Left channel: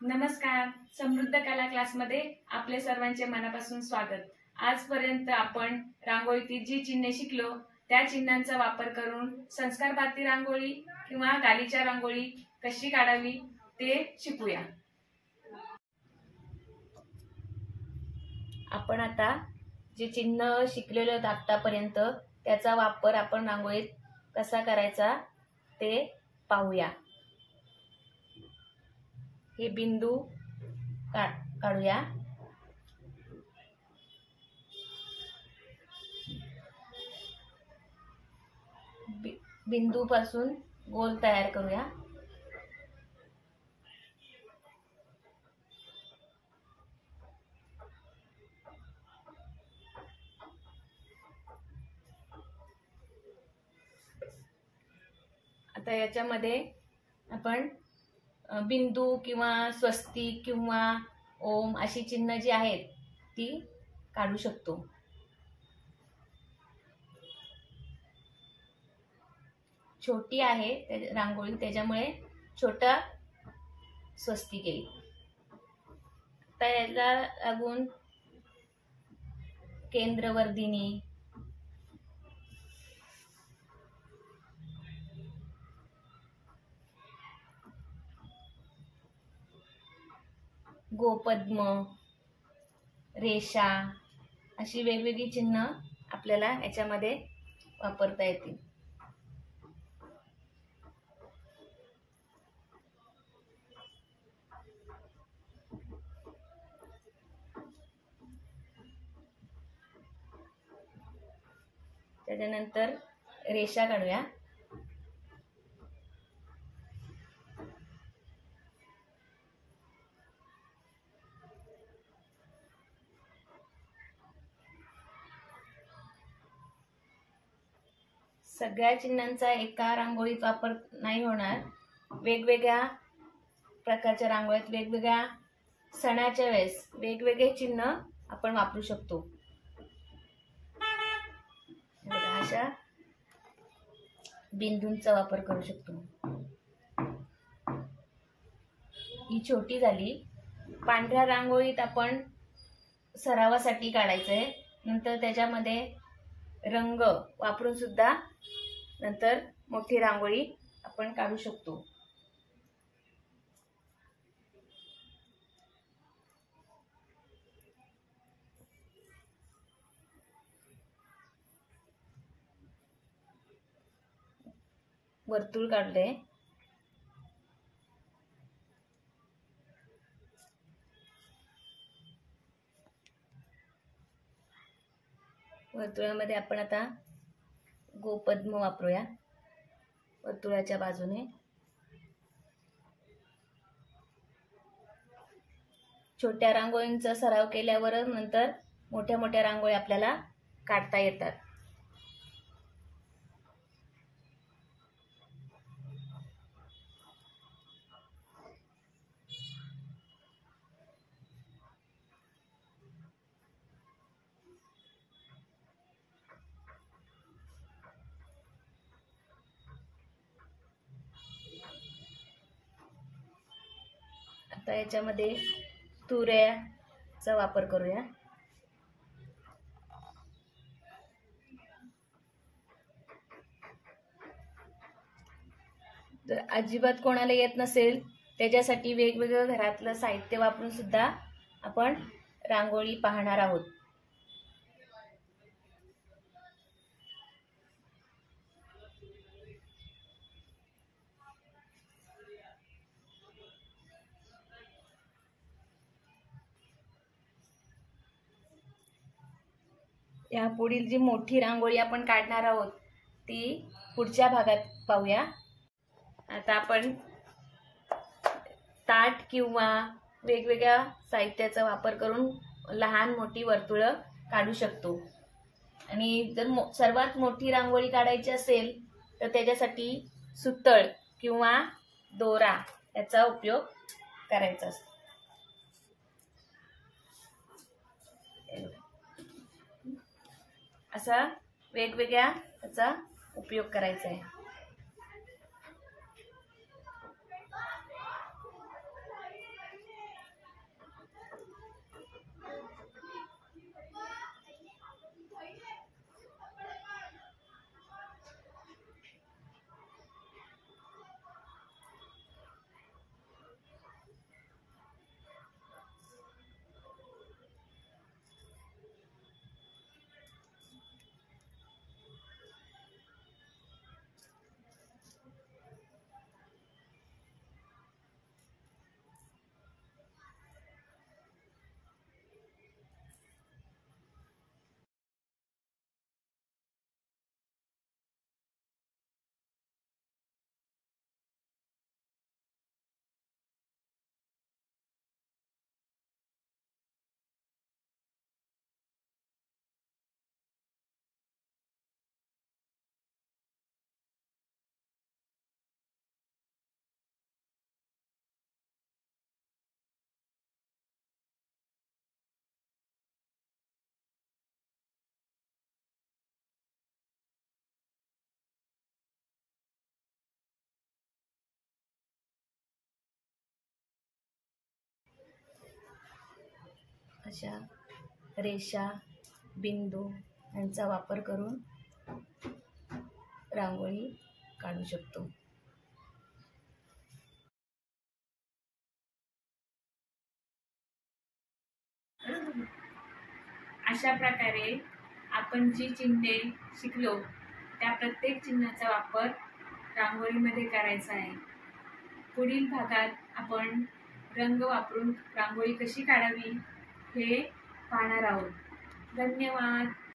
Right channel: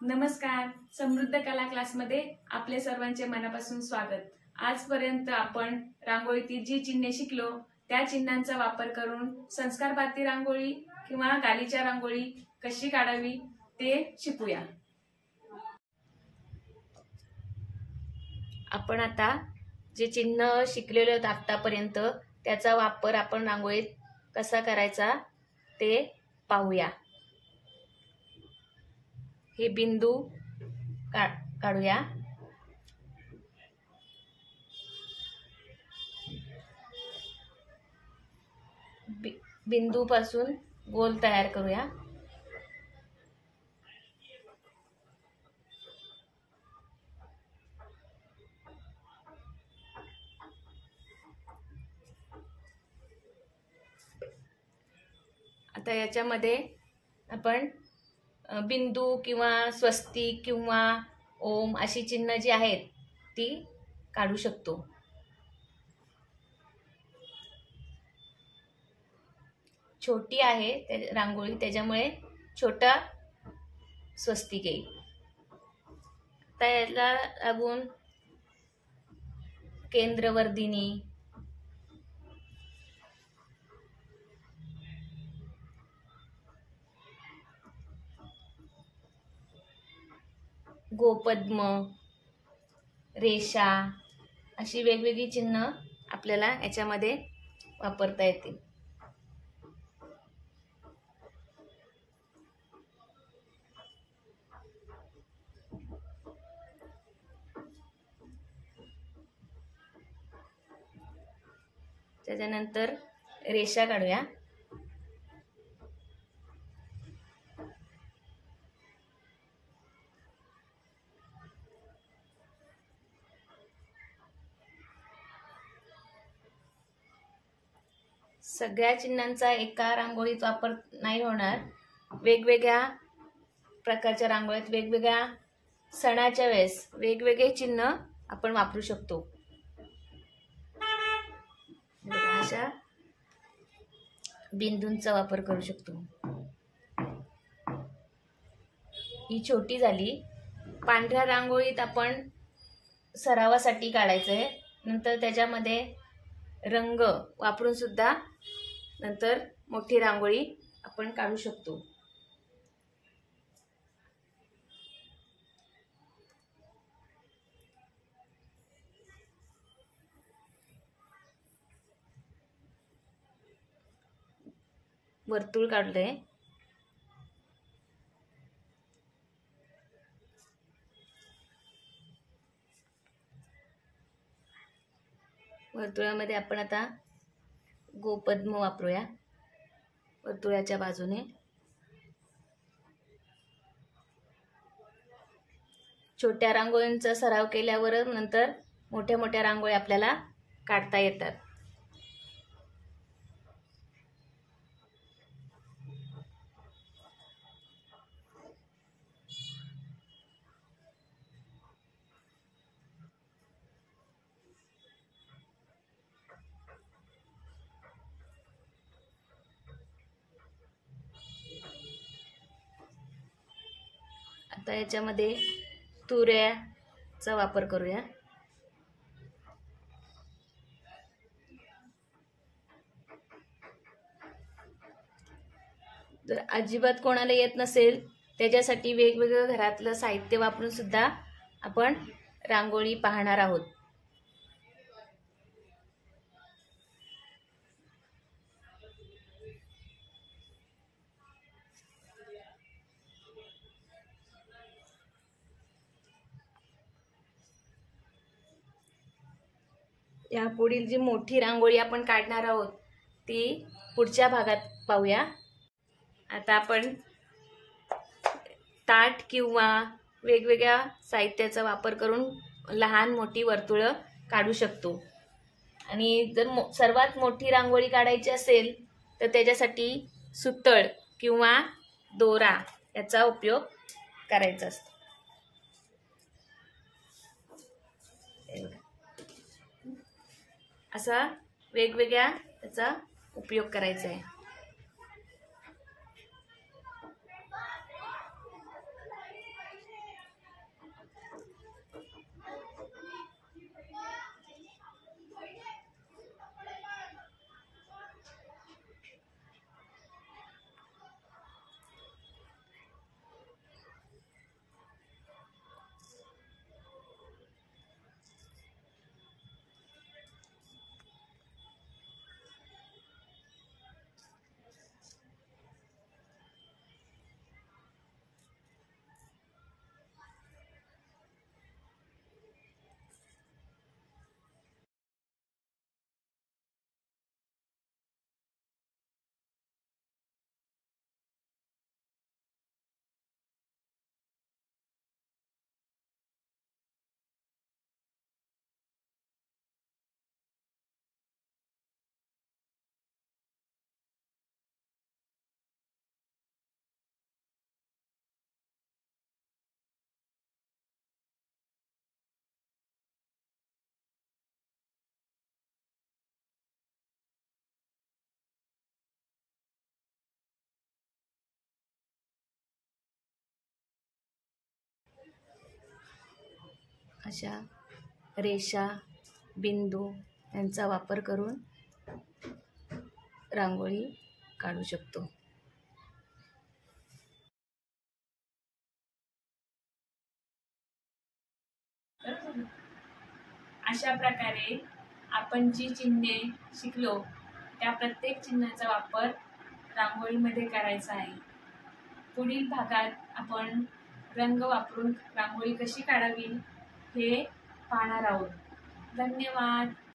नमस्कार. समृद्ध कला क्लासमध्ये आपले सर्वांचे मनापासून स्वागत. आजपर्यंत आपण रांगोळीतील जी चिन्हे शिकलो त्या चिन्हांचा वापर करून संस्कारबाती रांगोळी किंवा गालीच्या रांगोळी कशी काढावी ते शिकूया. आपण आता जे चिन्ह शिकलेले होते आतापर्यंत त्याचा वापर आपण रांगोळीत कसा करायचा ते पाहूया. हे बिंदू काढूया. बिंदू पासून गोल तयार करूया. आता याच्यामध्ये आपण बिंदू किंवा स्वस्तिक किंवा ओम अशी चिन्ह जी आहेत ती काढू शकतो. छोटी आहे रांगोळी त्याच्यामुळे छोटा स्वस्तिक येईल. आता याला लागून केंद्रवर्धिनी, गोपद्म, रेषा अशी वेगवेगळी चिन्ह आपल्याला याच्यामध्ये वापरता येतील. त्याच्यानंतर रेषा काढूया. सगळ्या चिन्हांचा एका रांगोळीत वापर नाही होणार. वेगवेगळ्या प्रकारच्या रांगोळीत वेगवेगळ्या सणाच्या वेळेस वेगवेगळे चिन्ह आपण वापरू शकतो. अशा बिंदूंचा वापर करू शकतो. ही छोटी झाली. पांढऱ्या रांगोळीत आपण सरावासाठी काढायचंय. नंतर त्याच्यामध्ये रंग वापरून सुद्धा नंतर मोठी रांगोळी आपण काढू शकतो. वर्तुळ काढले. वर्तुळामध्ये आपण आता गोपद्म वापरूया. वर्तुळाच्या बाजूने छोट्या रांगोळींचा सराव केल्यावर नंतर मोठ्या मोठ्या रांगोळी आपल्याला काढता येतात. आता याच्यामध्ये तुऱ्याचा वापर करूया. जर अजिबात कोणाला येत नसेल त्याच्यासाठी वेगवेगळं घरातलं साहित्य वापरून सुद्धा आपण रांगोळी पाहणार आहोत. या पुढील जी मोठी रांगोळी आपण काढणार आहोत ती पुढच्या भागात पाहूया. आता आपण ताट किंवा वेगवेगळ्या साहित्याचा वापर करून लहान मोठी वर्तुळं काढू शकतो. आणि जर सर्वात मोठी रांगोळी काढायची असेल तर त्याच्यासाठी सुतळ किंवा दोरा याचा उपयोग करायचा असतो. असा वेगवेगळ्या याचा उपयोग करायचा आहे. अशा रेषा, बिंदू यांचा वापर करून रांगोळी काढू शकतो. अशा प्रकारे आपण जी चिन्हे शिकलो त्या प्रत्येक चिन्हाचा वापर रांगोळीमध्ये करायचा आहे. पुढील भागात आपण रंग वापरून रांगोळी कशी काढावी हे पाहणार आहोत. धन्यवाद.